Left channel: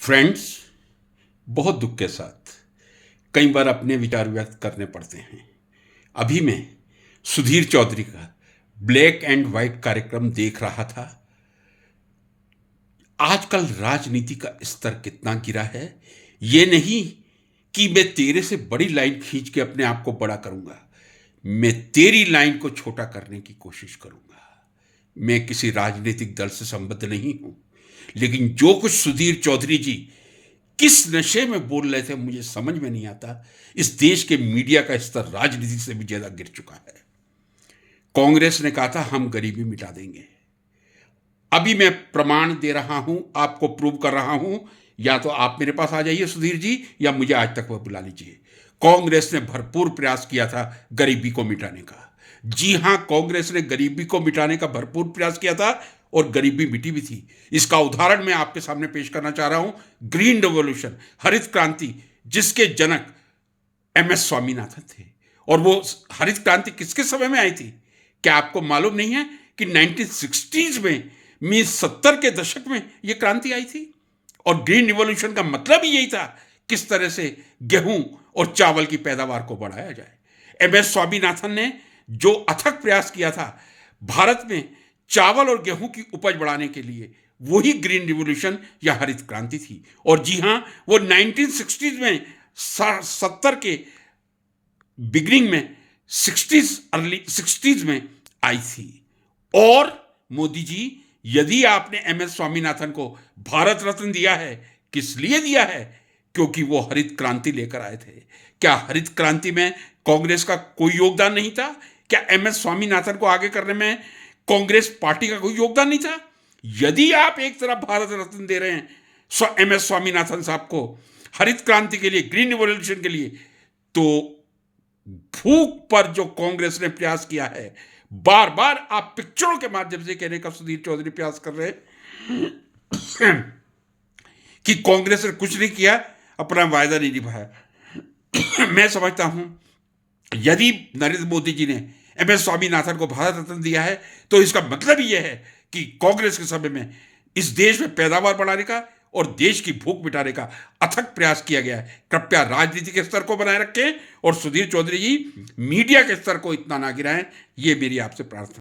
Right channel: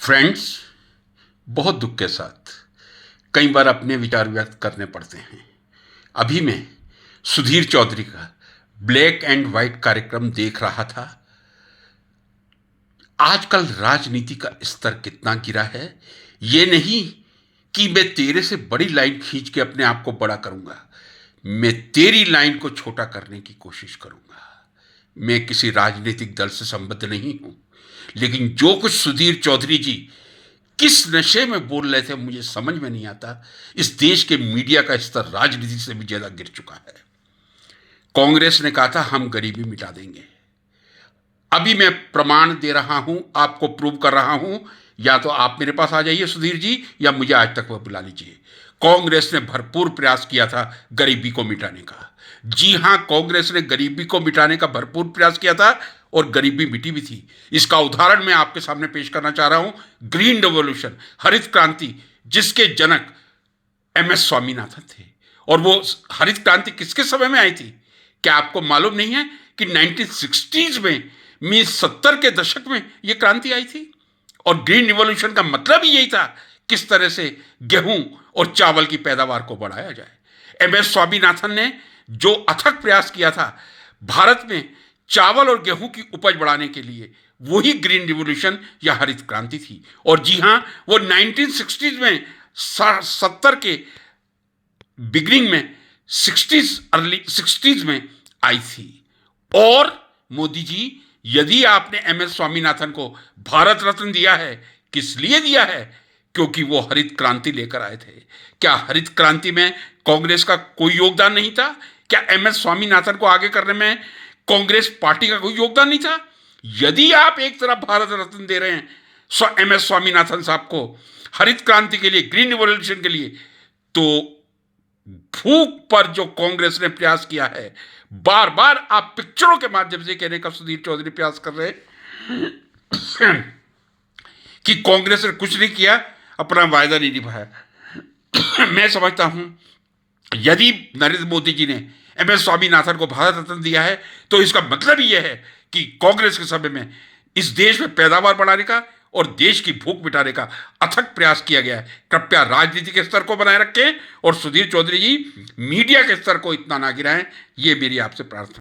Friends, बहुत दुख के साथ कई बार अपने विचार व्यक्त करने पड़ते हैं। अभी मैं सुधीर चौधरी का ब्लैक एंड व्हाइट कार्यक्रम देख रहा था। आजकल राजनीति का स्तर कितना गिरा है, ये नहीं कि मैं तेरे से बड़ी लाइन खींच के अपने आप को बड़ा करूंगा। मैं तेरी लाइन को छोटा करने की कोशिश करूंगा। मैं किसी राजनीतिक दल से संबद्ध नहीं हूं, लेकिन जो कुछ सुधीर चौधरी जी किस नशे में बोल रहे थे मुझे समझ में नहीं आता। इस देश के मीडिया का स्तर राजनीति से भी ज्यादा गिर चुका है। कांग्रेस ने कहा था हम गरीबी मिटा देंगे। अभी मैं प्रमाण दे रहा हूं, आपको प्रूव कर रहा हूं। या तो आप मेरे पास आ जाइए सुधीर जी, या मुझे आज तक वह बुला लीजिए। कांग्रेस ने भरपूर प्रयास किया था गरीबी को मिटाने का। जी हां, कांग्रेस ने गरीबी को मिटाने का भरपूर प्रयास किया था और गरीबी मिटी भी थी। इसका उदाहरण मैं आपके सामने पेश करना चाह रहा हूं। ग्रीन रेवोल्यूशन, हरित क्रांति, जिसके जनक एमएस स्वामीनाथन थे। और वो हरित क्रांति किसके समय में आई थी? क्या आपको मालूम नहीं है कि 1960s में 70 के दशक में यह क्रांति आई थी? और ग्रीन रिवॉल्यूशन का मतलब ही यही था, किस तरह से गेहूं और चावल की पैदावार को बढ़ाया जाए। एमएस स्वामीनाथन ने जो अथक प्रयास किया था भारत में चावल और गेहूं की उपज बढ़ाने के लिए, वही ग्रीन रिवॉल्यूशन या हरित क्रांति थी। और जी हां, वो 1960s में 70 के बिगिनिंग में 60s अर्ली 60s में आई थी। और मोदी जी, यदि आपने एमएस स्वामीनाथन को भारत रत्न दिया है, किस लिए दिया है? क्योंकि वो हरित क्रांति लेकर आए थे। क्या हरित क्रांति में कांग्रेस का कोई योगदान नहीं था? क्या एमएस स्वामीनाथन को आगे करने में कांग्रेस पार्टी का कोई योगदान नहीं था? यदि आप एक तरफ भारत रत्न दे रहे हैं एमएस स्वामीनाथन साहब को हरित क्रांति के लिए, ग्रीन रिवॉल्यूशन के लिए, तो भूख पर जो कांग्रेस ने प्रयास किया है, बार बार आप पिक्चरों के माध्यम से कहने का सुधीर चौधरी प्रयास कर रहे हैं कि कांग्रेस ने कुछ नहीं किया, अपना वायदा नहीं निभाया। मैं समझता हूं यदि नरेंद्र मोदी जी ने एमएस स्वामीनाथन को भारत रत्न दिया है, तो इसका मतलब ही यह है कि कांग्रेस के समय में इस देश में पैदावार बढ़ाने का और देश की भूख मिटाने का अथक प्रयास किया गया है। कृपया राजनीति के स्तर को बनाए रखें और सुधीर चौधरी जी मीडिया के स्तर को इतना ना गिराएं, ये मेरी आपसे प्रार्थना।